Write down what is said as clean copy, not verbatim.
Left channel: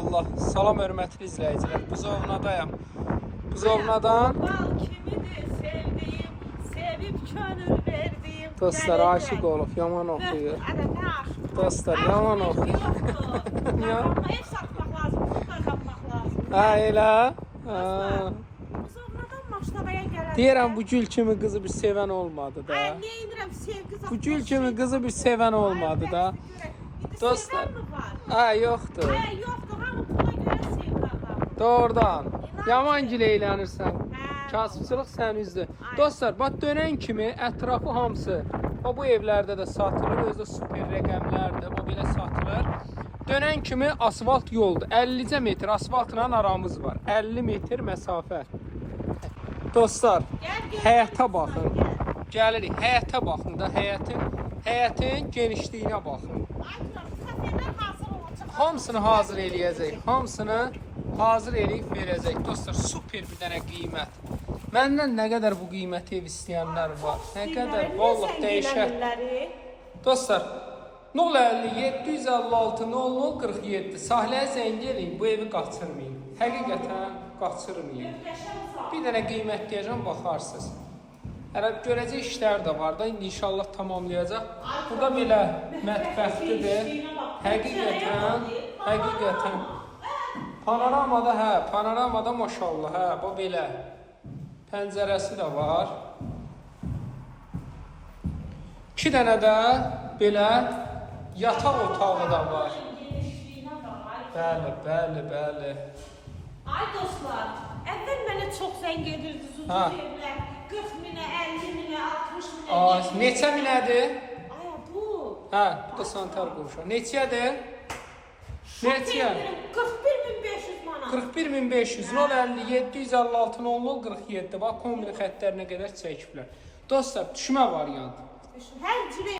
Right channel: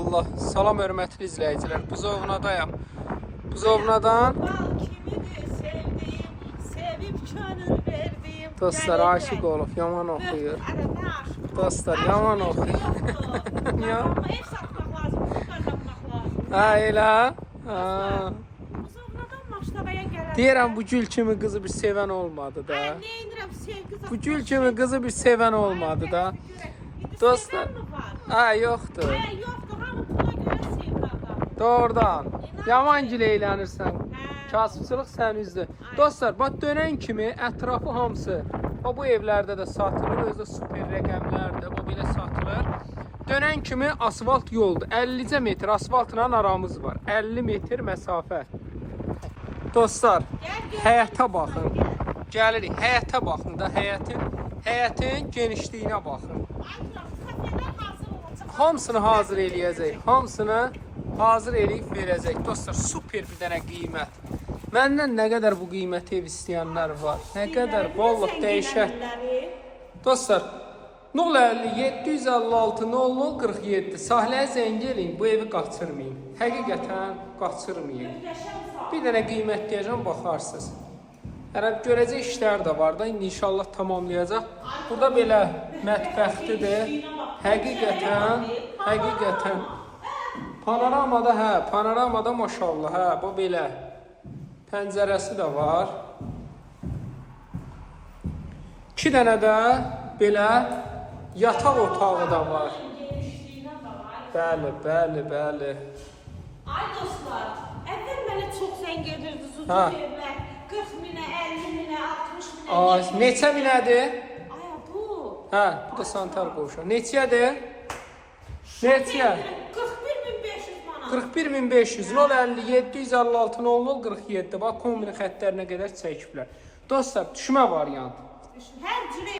Allah. Salam hörmətli izləyicilər. Buzovnadayam. Buzovnadan Bal kimidir sevdiğim, sevip könül verdiğim. dostlar aşık olub, yaman oxuyur. Ne aşık? Dostlar yaman oxuyur. Kazanma ev satmak lazım, pul kazanmak lazım. Ha elə. Buzovnadan Maçtavaya gelen. Deyirəm bu gül kimi qızı bir sevən olmadı da. Ay ne indirəm sevgi Bu gül kimi qızı bir sevən olmadı da. Dostlar. Ha yoxdur. Ay yoktu ha bu pula göre sevgi adam. Doğrudan. Yaman gül eylənirsən. Kasıbçılıq sən üzdü. Dostlar, bax dönən kimi ətrafı hamısı bu evlərdə də satılır, özü də super rəqəmlərdir, bu belə satılır. Dönən kimi asfalt yoldur. 50 metr asfaltla aramız var. 50 metr məsafə. Dostlar, həyətə baxın. Gəlirik, həyətə baxın da, həyətin genişliyinə baxın. Hamısını hazır eləyəcək, hamısını hazır eləyib verəcək. Dostlar, super bir dənə qiymət. Məndən nə qədər bu qiyməti ev istəyənlər var, nə qədər vallahi dəyişər. Dostlar, 050 756 0047 sahiləyə zəng edin, bu evi qaçırmayın. Həqiqətən qaçırmayın. Bir dənə qiymət deyəcəm, baxarsınız. Görəcək işlər də var da, inşallah tamamlayacaq. Burada belə mətbəxlidir. Həqiqətən. Panoramada maşallah, bu belə. Pəncərəsi də var. 2 dənə də belə yataq otağı da var. Bəli. Ay dostlar, əvvəl mənə çox zəng edirdiniz uzun yerlər. 40 minə, 50 minə, 60 minə. Neçə minədir? Ay bu. Hə, bir də santar qovuşu. Neçədir? Neçə? 41.500 manat. 41.500, 050 756 0047. Bax, kombin xəttlərinə qədər çəkiblər. Dostlar, düşmə variantı. Hər cürə